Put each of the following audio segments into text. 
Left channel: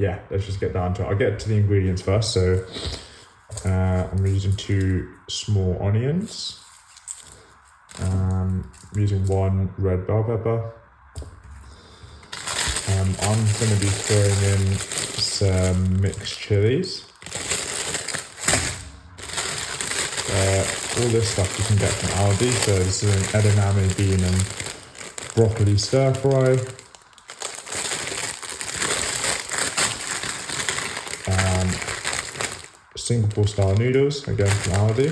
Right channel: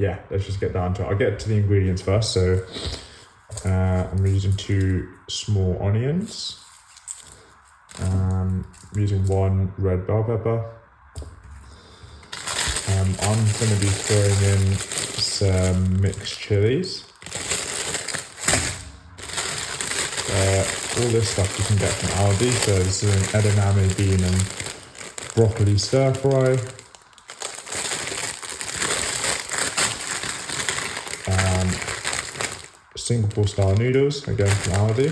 yeah, let's just get down to it. I'll get to the ingredients first. So I'm using 2 small onions. I'm using 1 red bell pepper. I'm going to be throwing in some mixed chilies. All this stuff you can get from Aldi. So this is an edamame bean and broccoli stir fry. Singapore style noodles, again from Aldi.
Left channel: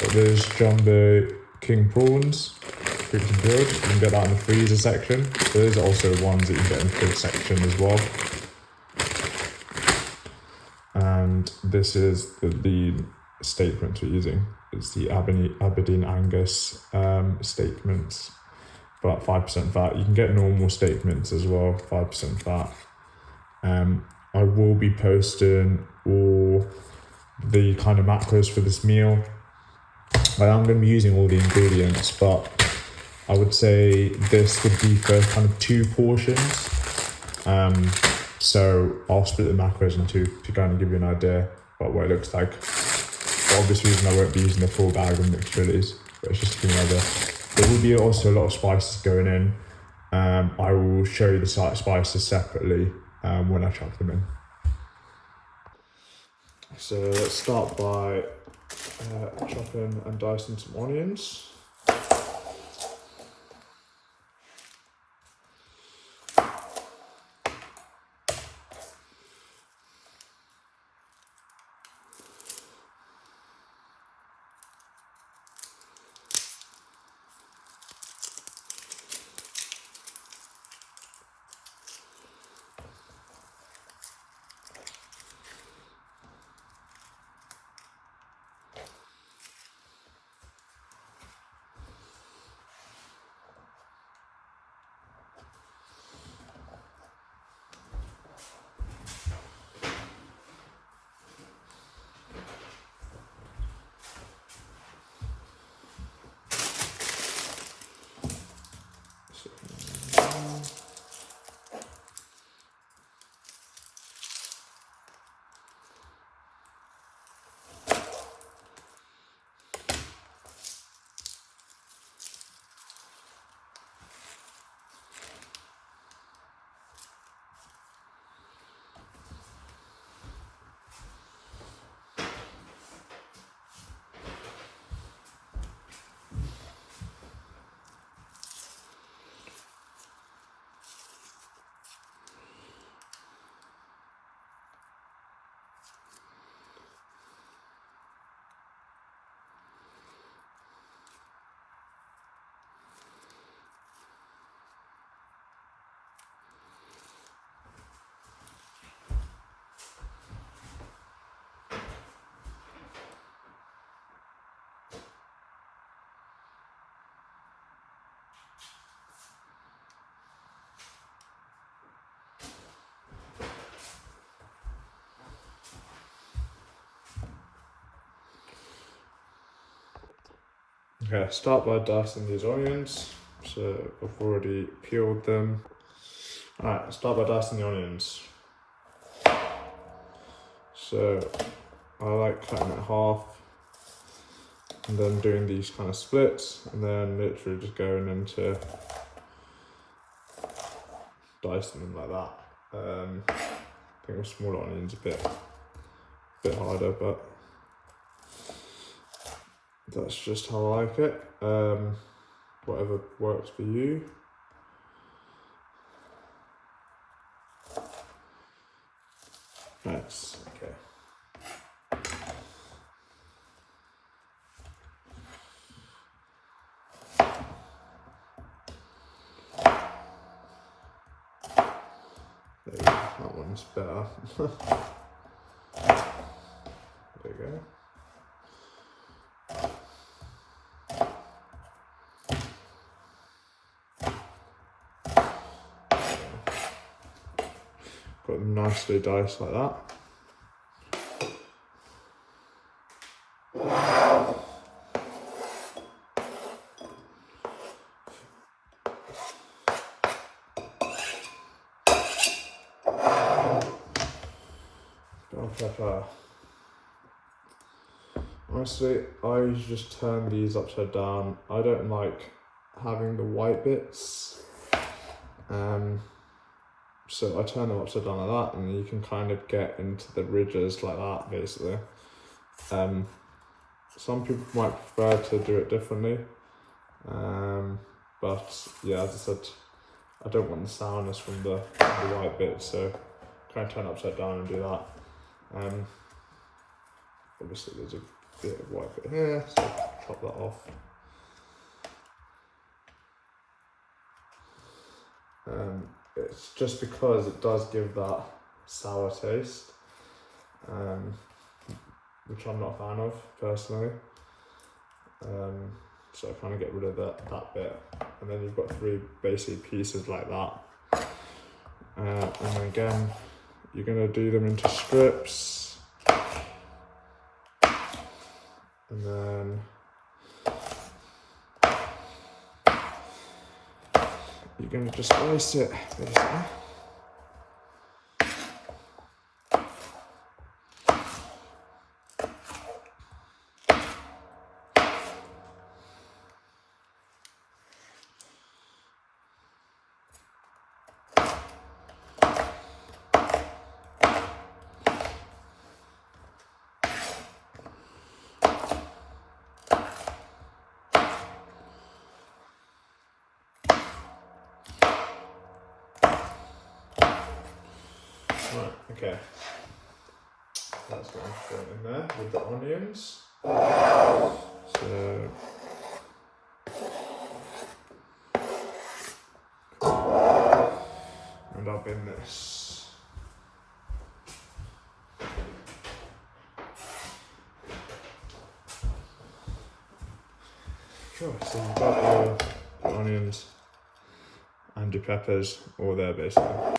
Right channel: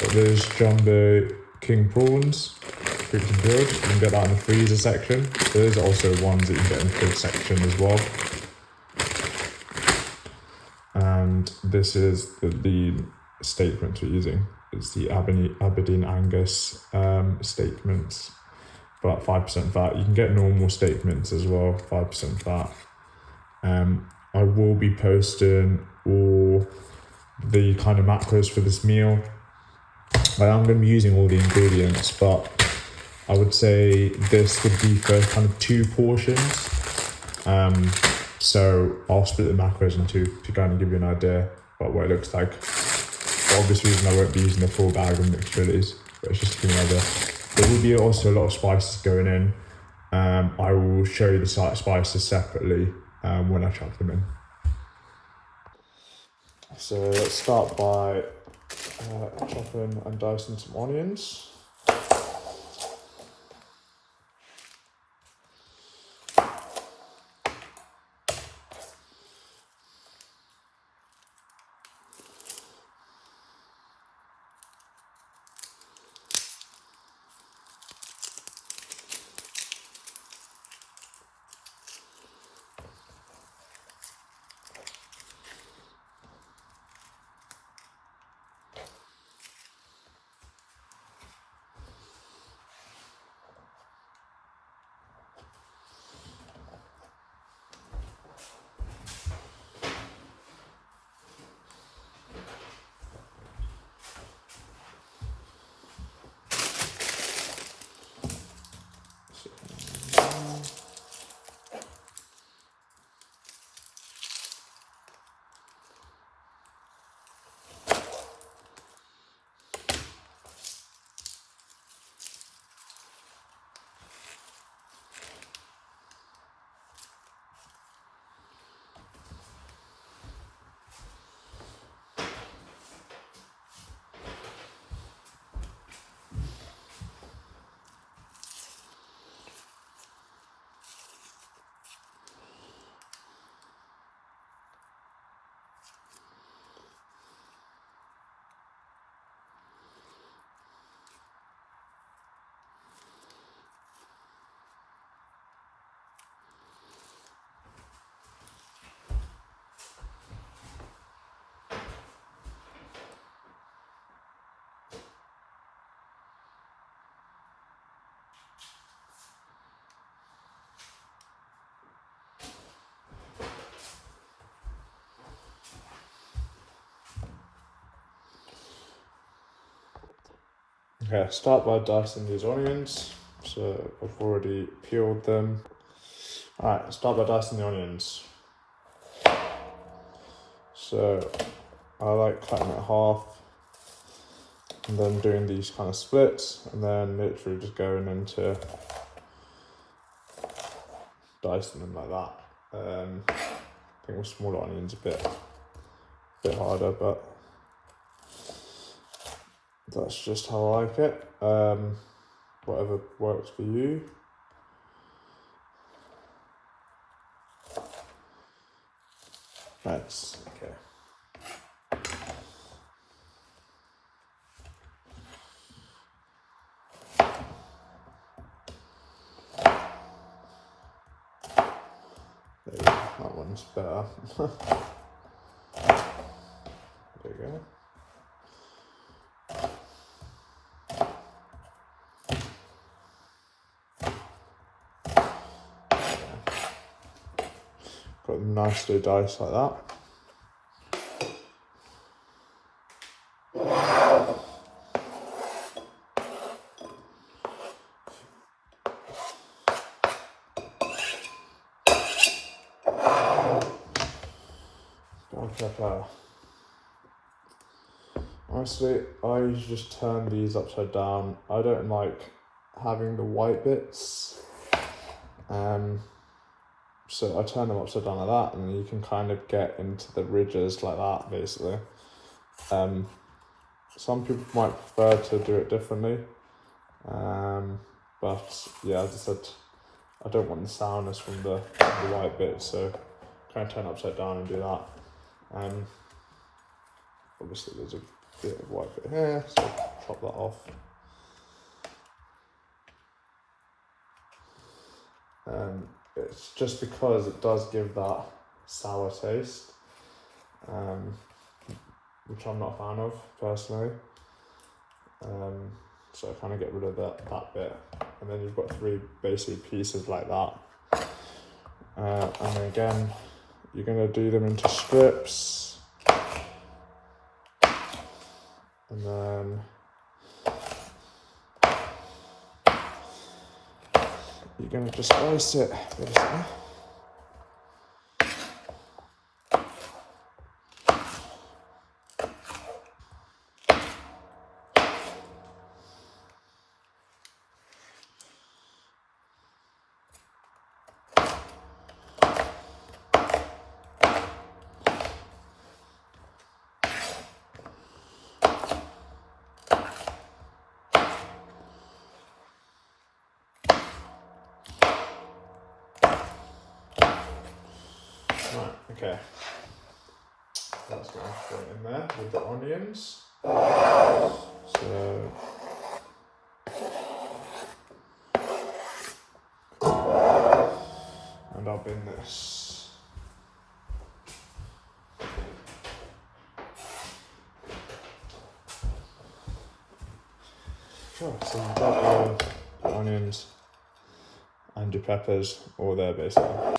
Got those jumbo king prawns, cooked and grilled. You can get that in the freezer section. Those are also ones that you can get in the fridge section as well. And this is the steak mince we're using. It's the Aberdeen Angus steak mince, about 5% fat. You can get normal steak mince as well, 5% fat. I will be posting all the kind of macros for this meal. I am going to be using all the ingredients, but I would say this would be for kind of 2 portions. So I'll split the macros in 2 to kind of give you an idea about what it looks like. For obvious reason, I won't be using the full bag of mixed chilies, but it's just to give you an idea. There will be also a lot of spices going in. I will show you the spices separately when I chop them in. So let's start by chopping and dicing some onions. Okay, start by dicing these onions. So I've already peeled them. Alright, start by dicing the onions. So I like cutting it half and then doing these kind of splits and then literally just going into dicing them like that. I think with smaller onions a bit harder, but that's just how I like it. Whatever works for you. Nice. Okay. There we go. That one's better. There you go. Got them nicely diced like that. pepper. Honestly, I usually just turn these upside down. I don't like having the white bits. So I turn them upside down like that, and you can kind of get into the ridges like that, basically. Some people might prefer to do it differently. But yeah, as I said, I don't want the sourness from the white bits, so kind of turn it upside down and do that. Obviously there's a bit of white bit here, so pop that off. It's just because it does give that sour taste, which I'm not a fan of personally. So I kind of get rid of that bit, and then you've got 3 basic pieces like that. And then again, you're going to do them into strips, and then you're going to just slice it basically. Right, okay. That's going to go in there with the onions. So and I'll bin this. Sure, so you've got your onions and your peppers all there basically.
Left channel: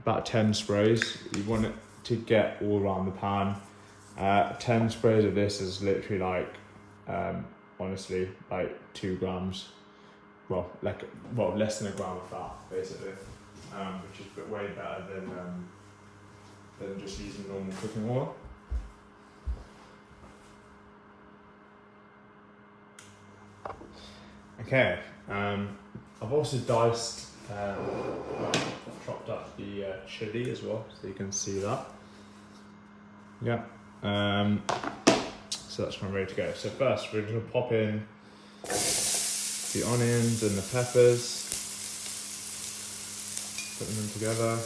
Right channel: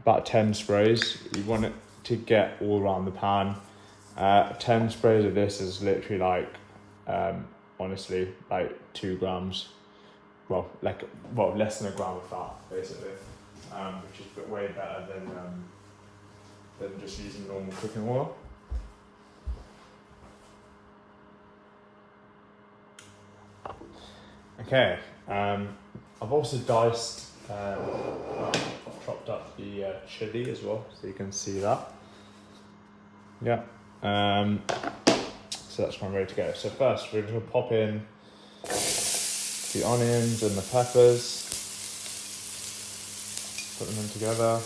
About 10 sprays. You want it to get all around the pan. 10 sprays of this is literally like, honestly, like 2 grams. Well, less than a gram of fat, basically, which is way better than just using normal cooking oil. Okay, I've also diced, chopped up the chili as well, so you can see that. Yeah, so that's kind of ready to go. So first, we're going to pop in the onions and the peppers, putting them together.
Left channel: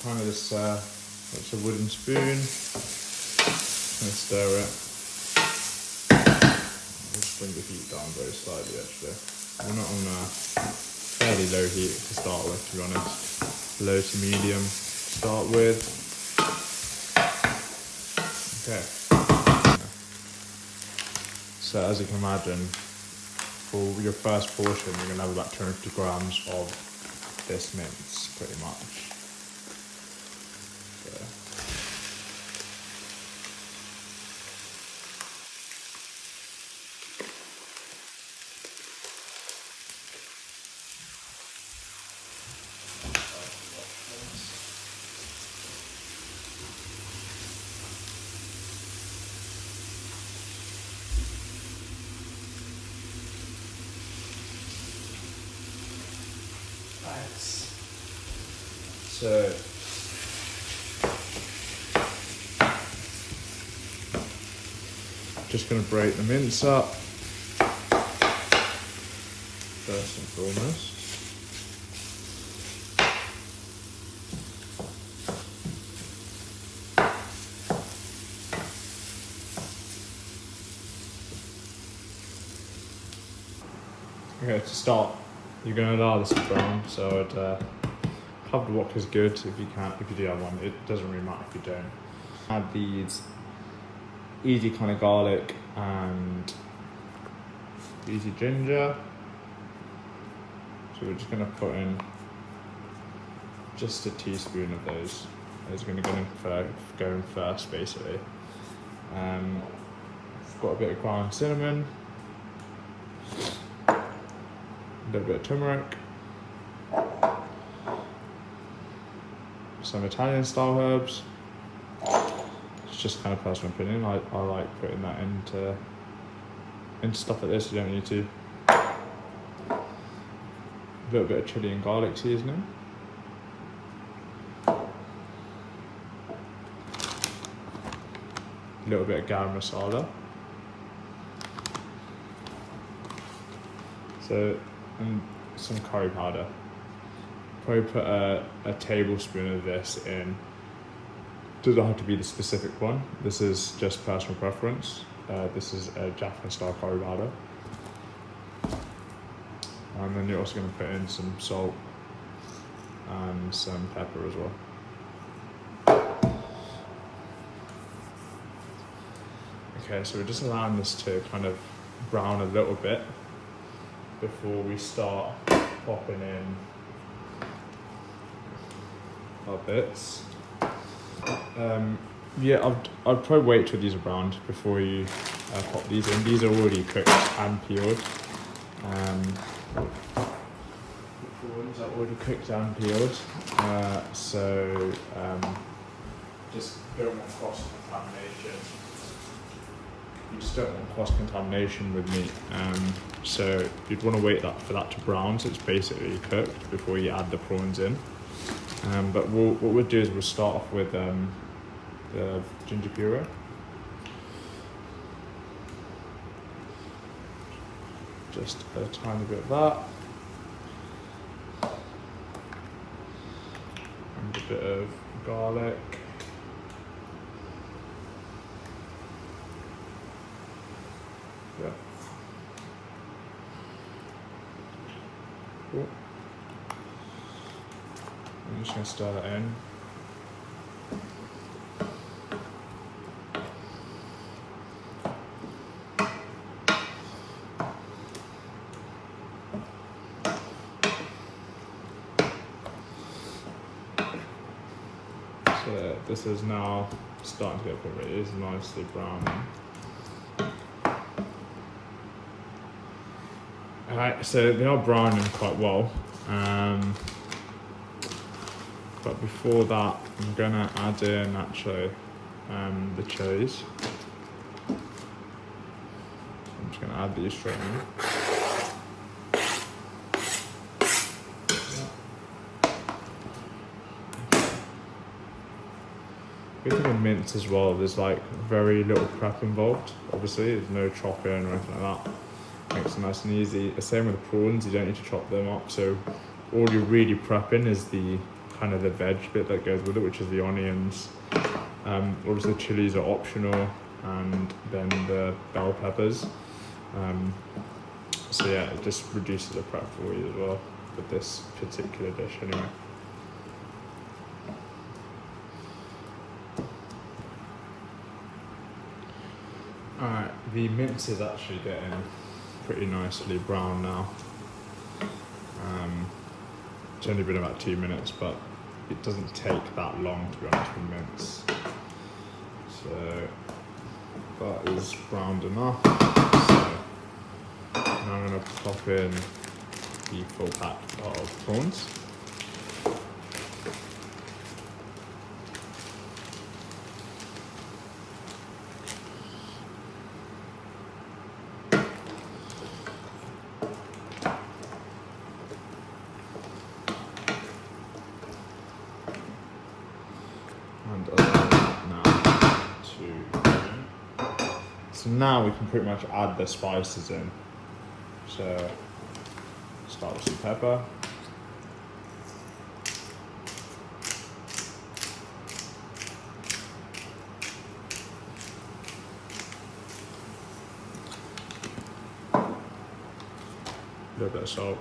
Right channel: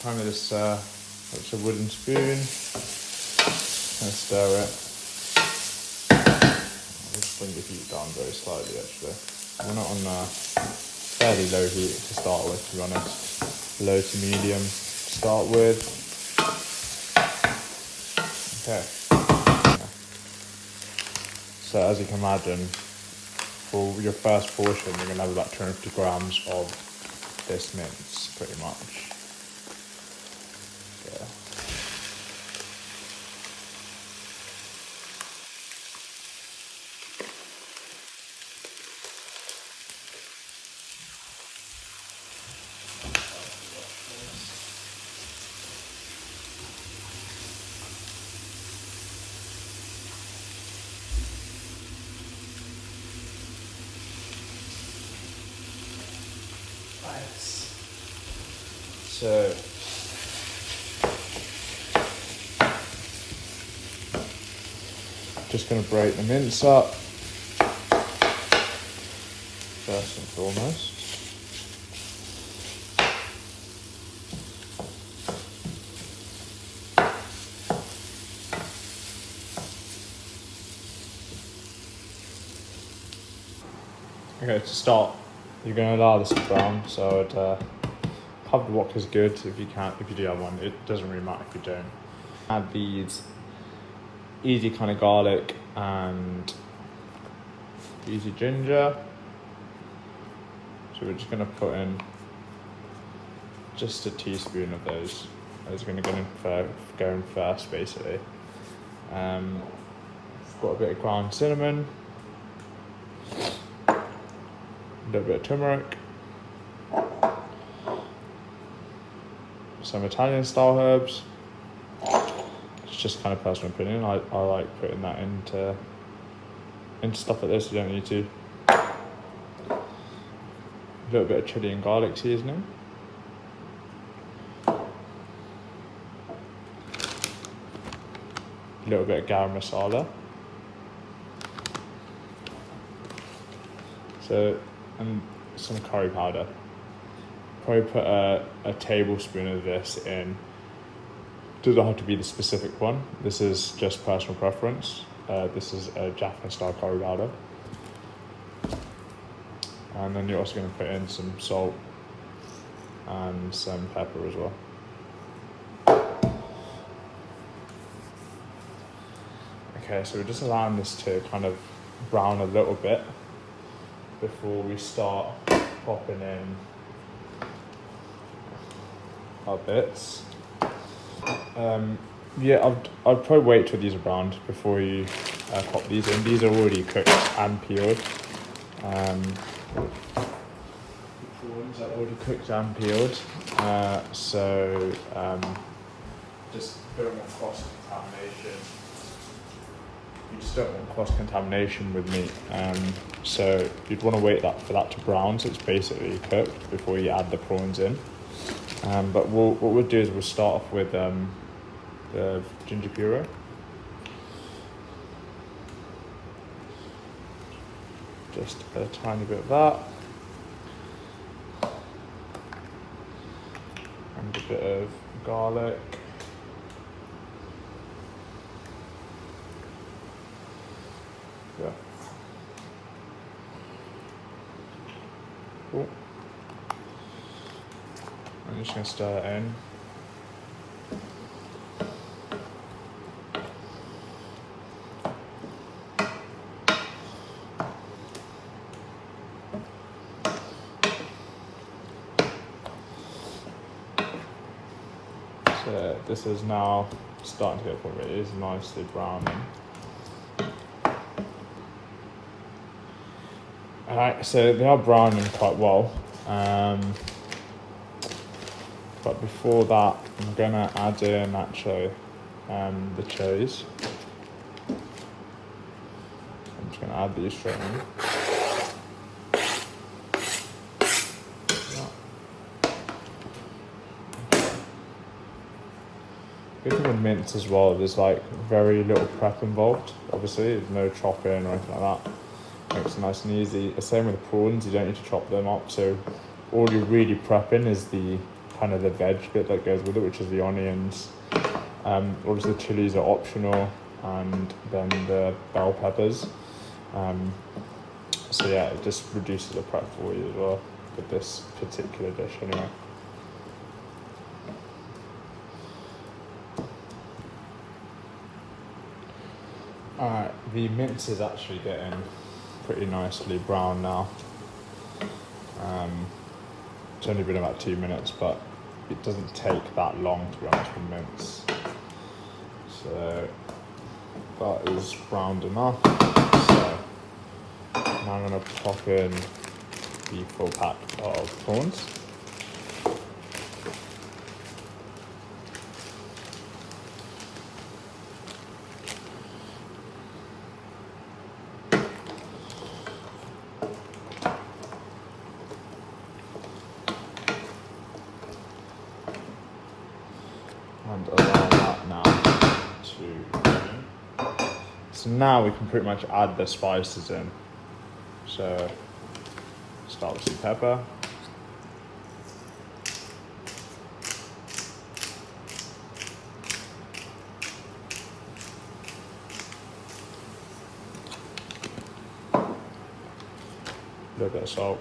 Kind of this, it's a wooden spoon, and stir it. I'll just bring the heat down very slightly actually. We're not on fairly low heat to start with, to be honest. Low to medium to start with. Okay. So as you can imagine, for your first portion, you're going to have about 250 grams of this mince, pretty much. So just going to break the mince up first and foremost. Okay, to start, you're going to allow this to brown, so pub wok is good if you can, if you do have one. It doesn't really matter if you don't. Add these easy kind of garlic and easy ginger. So we're just going to put in just a teaspoon of those. Those are going to go in first, basically. I've got a bit of ground cinnamon, a little bit of turmeric, some Italian style herbs. It's just kind of personal opinion. I like putting that into stuff like this. You don't need to. A little bit of chili and garlic seasoning. A little bit of garam masala. And some curry powder. Probably put a tablespoon of this in. Doesn't have to be the specific one. This is just personal preference. This is a Japanese style curry powder. And then you're also going to put in some salt and some pepper as well. Okay, so we're just allowing this to kind of brown a little bit before we start popping in our bits. Yeah, I'd probably wait till these are browned before you pop these in. These are already cooked and peeled. The prawns are already cooked and peeled. So just don't want cross-contamination. You just don't want cross-contamination with meat. So you'd want to wait for that to brown, so it's basically cooked before you add the prawns in. But what we'll do is we'll start off with the ginger puree. Just a tiny bit of that. And a bit of garlic. Yeah. Cool. I'm just going to stir it in. So this is now starting to get a point where it is nicely browning. Alright, so they are browning quite well. But before that, I'm gonna add in actually the chilies. So I'm just gonna add these straight in. Good thing with mince as well, there's like very little prep involved. Obviously, there's no chopping or anything like that. Makes it nice and easy. The same with the prawns, you don't need to chop them up. So all you're really prepping is the kind of the veg bit that goes with it, which is the onions. Obviously the chilies are optional, and then the bell peppers. So yeah, it just reduces the prep for you as well with this particular dish anyway. Alright, the mince is actually getting pretty nicely brown now. It's only been about 2 minutes, but it doesn't take that long, to be honest, with mince. So that is browned enough. So now I'm going to pop in the full pack of prawns. And allow that now to. So now we can pretty much add the spices in. So start with some pepper. A little bit of salt.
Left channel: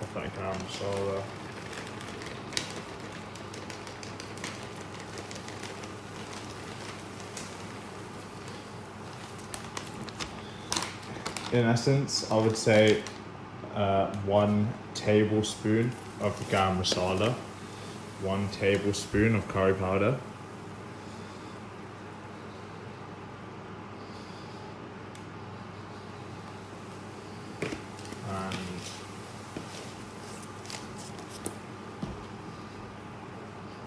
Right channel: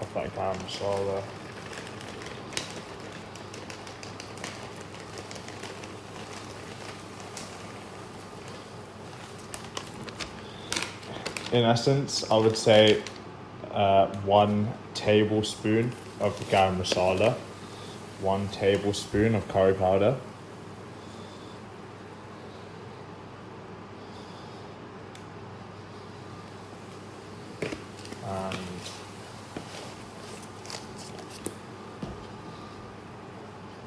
Of that garam masala. in essence, I would say 1 tablespoon of garam masala, 1 tablespoon of curry powder, and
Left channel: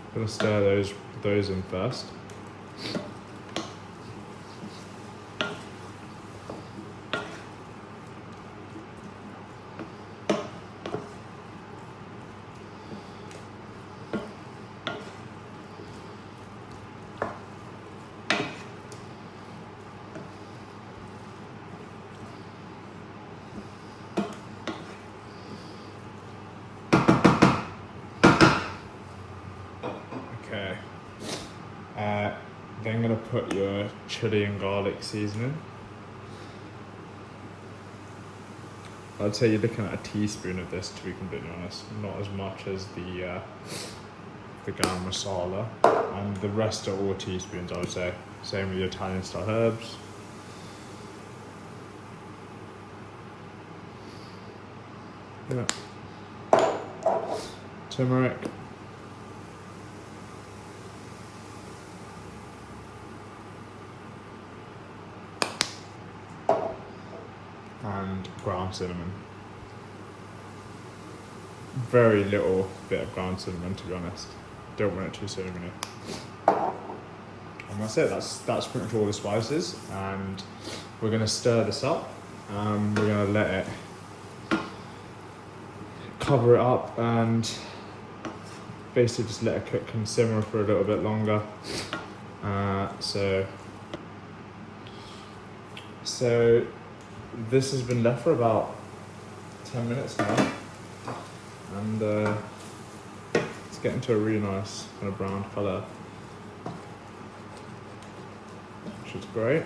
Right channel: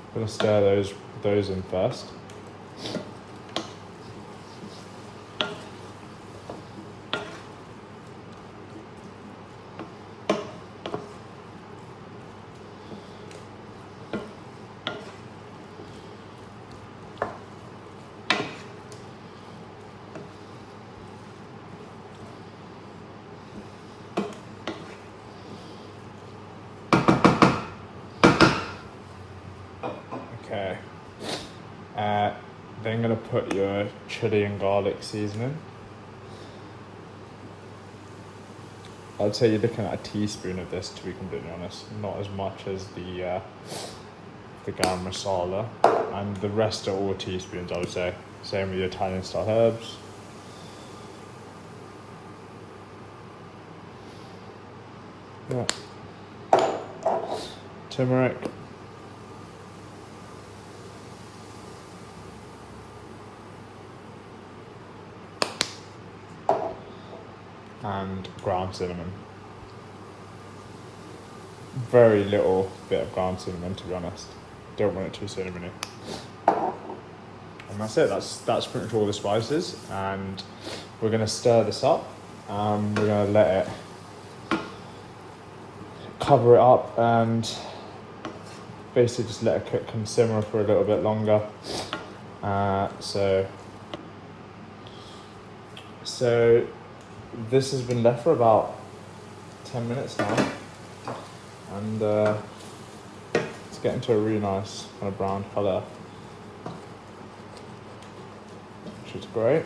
I'm gonna stir those in first. Okay. Then gonna put your chili and garlic seasoning. I'd say you're looking at a teaspoon of this, to be completely honest. Not as much as the garam masala, and the rest are all teaspoons, I would say. Same with your Italian style herbs. Yeah. Turmeric. And ground cinnamon. Very little bit of ground cinnamon, to be honest. Don't want it too cinnamony. And that's it. That's pretty much all the spices. And we're gonna stir this up. And we're gonna let it cover it up and basically just let it cook and simmer for a little bit longer. So this has been left for about 10 minutes now, and it's getting to a really nice kind of brown colour, which is great.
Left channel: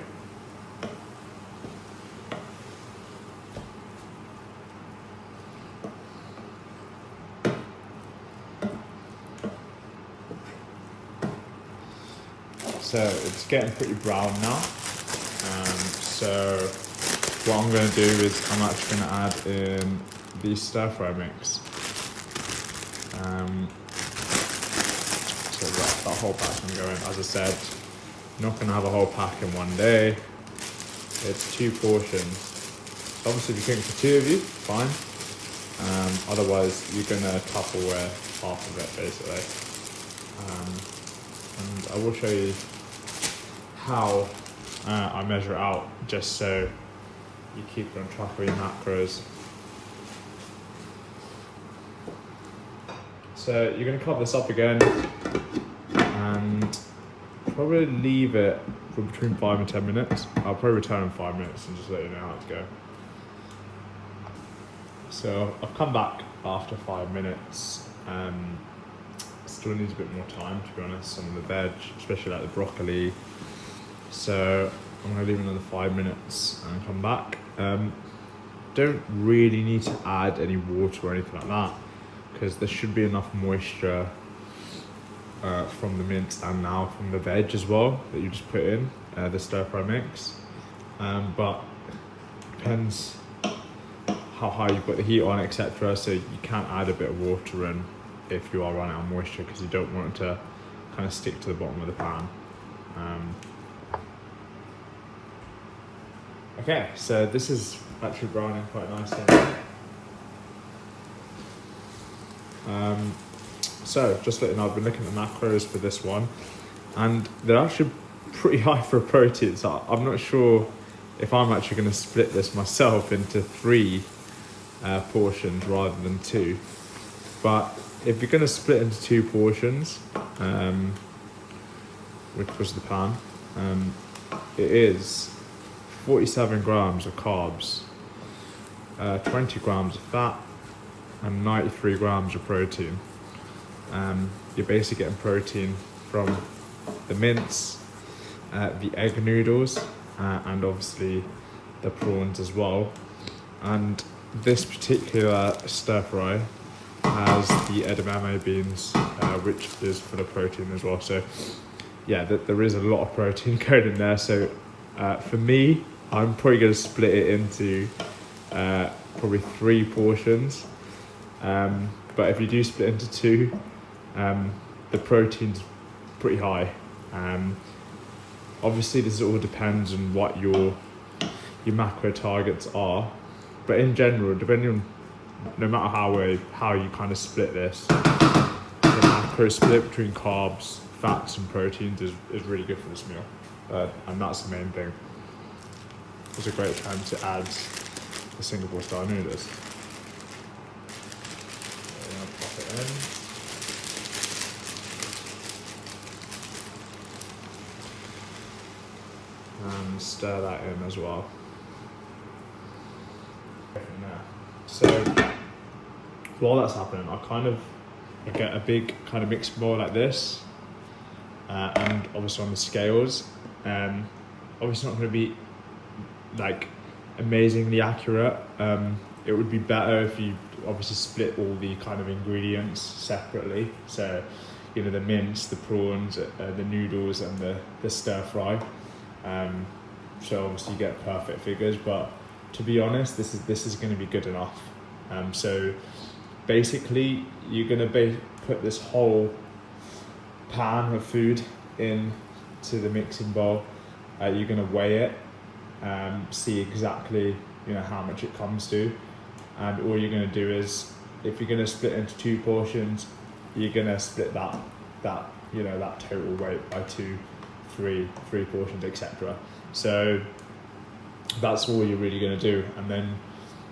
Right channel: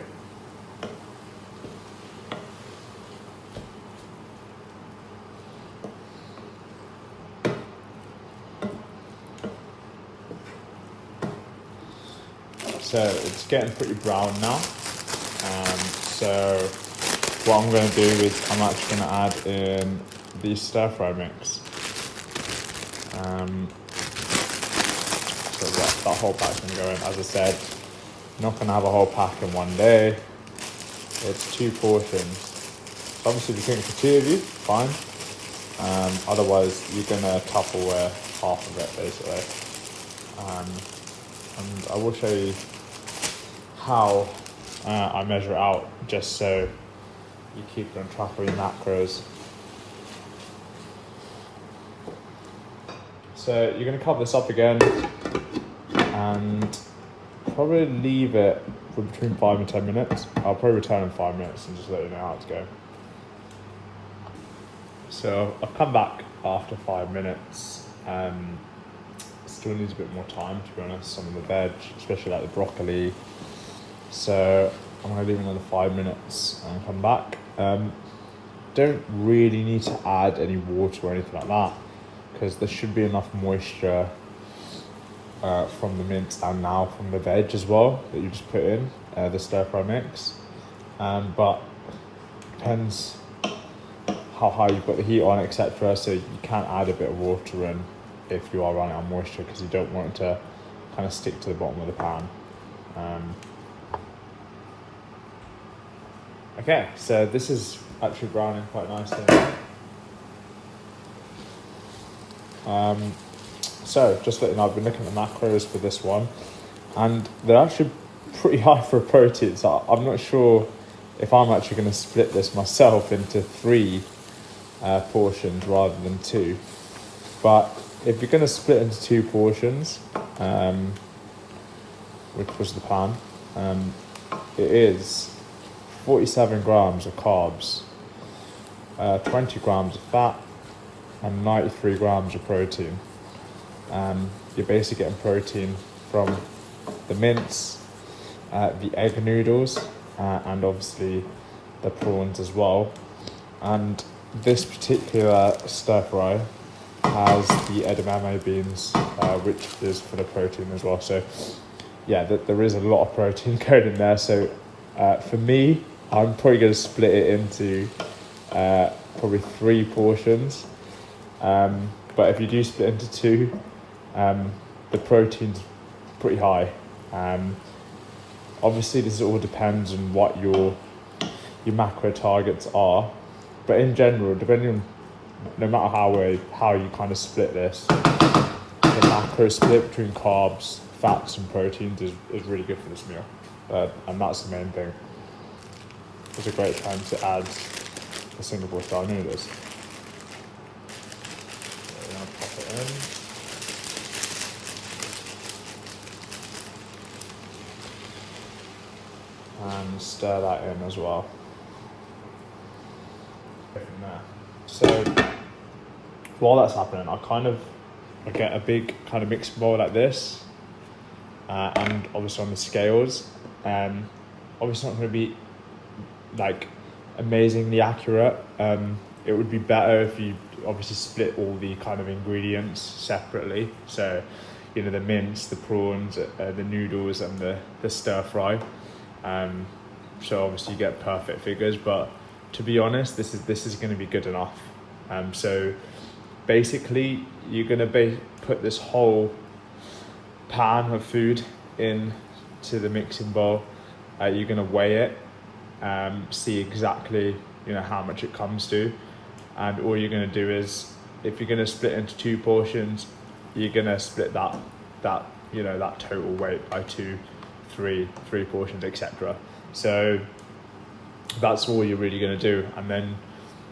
So it's getting pretty brown now. So what I'm going to do is I'm actually going to add in the stir fry mix. So that whole pack can go in. As I said, not going to have a whole pack in one day. It's 2 portions. So obviously if you think for 2 of you, fine. Otherwise you're going to Tupperware half of it basically. And I will show you how I measure it out, just so you keep on track of your macros. So you're going to cover this up again and probably leave it for between 5 and 10 minutes. I'll probably return in 5 minutes and just let you know how it's going. So I've come back after 5 minutes. Still needs a bit more time, to be honest. Some of the veg, especially like the broccoli. So I'm going to leave another 5 minutes and come back. Don't really need to add any water or anything like that, because there should be enough moisture from the mince and now from the veg as well that you just put in the stir fry mix. But depends how high you've got the heat on, etc. So you can add a bit of water in if you are running out of moisture, because you don't want it to kind of stick to the bottom of the pan. Okay, so this is actually browning quite nicely. So just letting you know, I've been looking at the macros for this one, and they're actually pretty high for protein. So I'm not sure if I'm actually going to split this myself into 3 portions rather than 2. But if you're going to split into 2 portions, which was the pan, it is 47 grams of carbs, 20 grams of fat, and 93 grams of protein. You're basically getting protein from the mince, the egg noodles, and obviously the prawns as well. And this particular stir fry has the edamame beans, which is for the protein as well. So yeah, there is a lot of protein going in there. So for me, I'm probably going to split it into probably 3 portions. But if you do split into 2, the protein's pretty high. Obviously, this all depends on what your macro targets are. But in general, depending on no matter how you kind of split this, the macro split between carbs, fats, and proteins is really good for this meal, and that's the main thing. It's a great time to add the Singapore style noodles. So now pop it in. And stir that in as well. So while that's happening, I get a big kind of mixing bowl like this, and obviously on the scales, obviously not going to be like amazingly accurate. It would be better if you obviously split all the kind of ingredients separately. So, you know, the mince, the prawns, the noodles, and the stir fry. So obviously you get perfect figures, but to be honest, this is going to be good enough. So basically, you're going to put this whole pan of food into the mixing bowl. You're going to weigh it, see exactly how much it comes to, and all you're going to do is, if you're going to split into 2 portions, you're going to split that total weight by 2, 3 portions, etc. So that's all you're really going to do, and then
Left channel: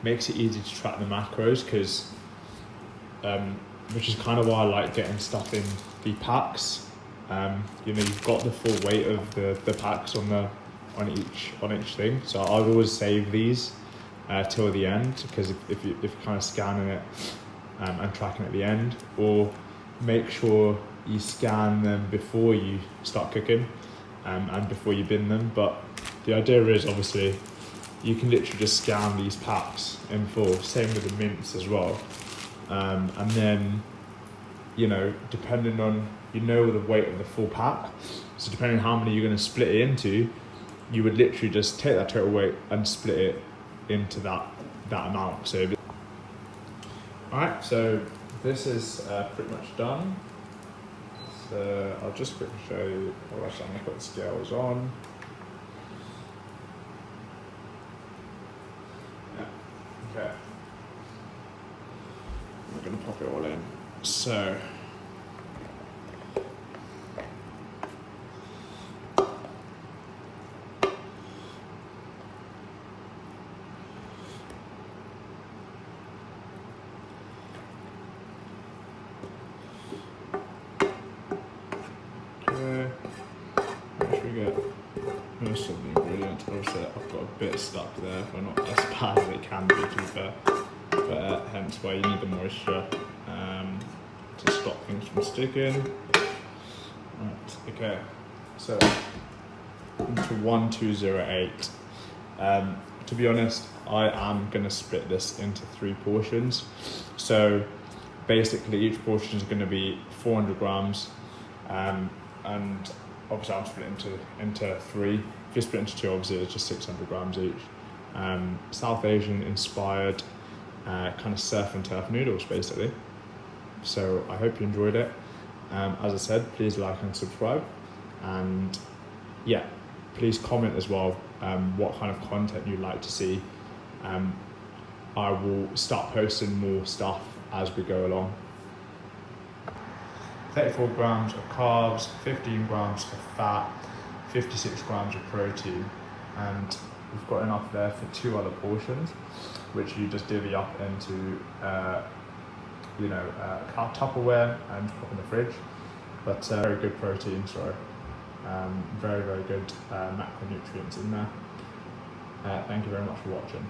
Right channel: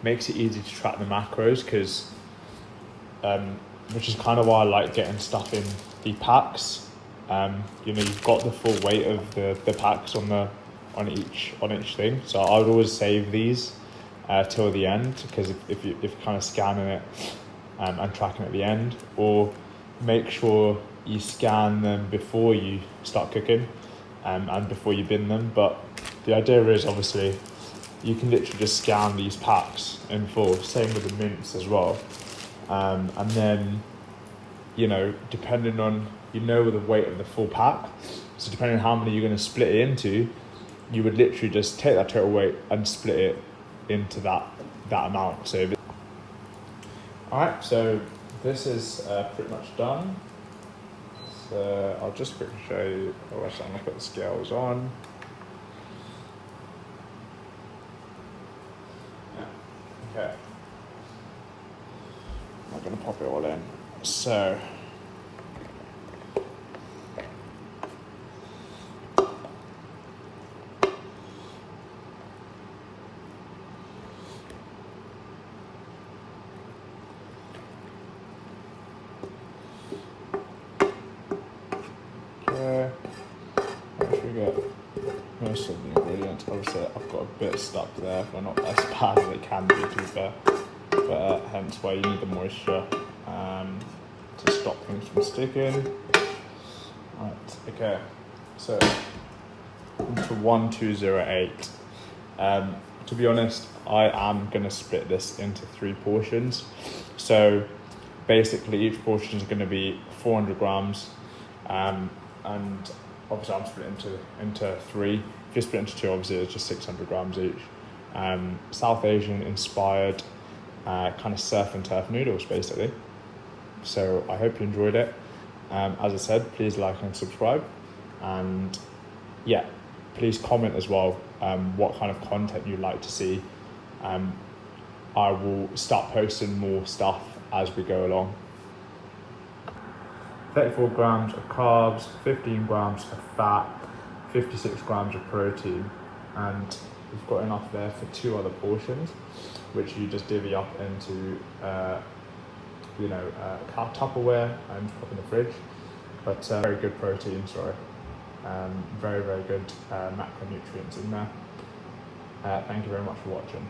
makes it easy to track the macros, because which is kind of why I like getting stuff in the packs. You've got the full weight of the packs on each thing. So I would always save these till the end, because if you're kind of scanning it and tracking at the end, or make sure you scan them before you start cooking and before you bin them. But the idea is, obviously, you can literally just scan these packs in full. Same with the mince as well. And then, depending on, the weight of the full pack, so depending on how many you're going to split it into, you would literally just take that total weight and split it into that amount. So, alright, so this is pretty much done. So I'll just quickly show you. I'm going to put the scales on. Okay. I'm going to pop it all in. So, once we get most of the ingredients, obviously I've got a bit stuck there, but not as bad as it can be, to be fair. But hence why you need the moisture to stop things from sticking. Right, okay, so into 1208. To be honest, I am going to split this into 3 portions. So basically each portion is going to be 400 grams, and obviously I'm split into 3. If you split into 2, obviously it's just 600 grams each. South Asian inspired kind of surf and turf noodles, basically. So I hope you enjoyed it. As I said, please like and subscribe, and yeah, please comment as well what kind of content you'd like to see. I will start posting more stuff as we go along. 34 grams of carbs, 15 grams of fat, 56 grams of protein, and we've got enough there for 2 other portions, which you just divvy up into Tupperware and put in the fridge. But very good protein, very, very good macronutrients in there. Thank you very much for watching.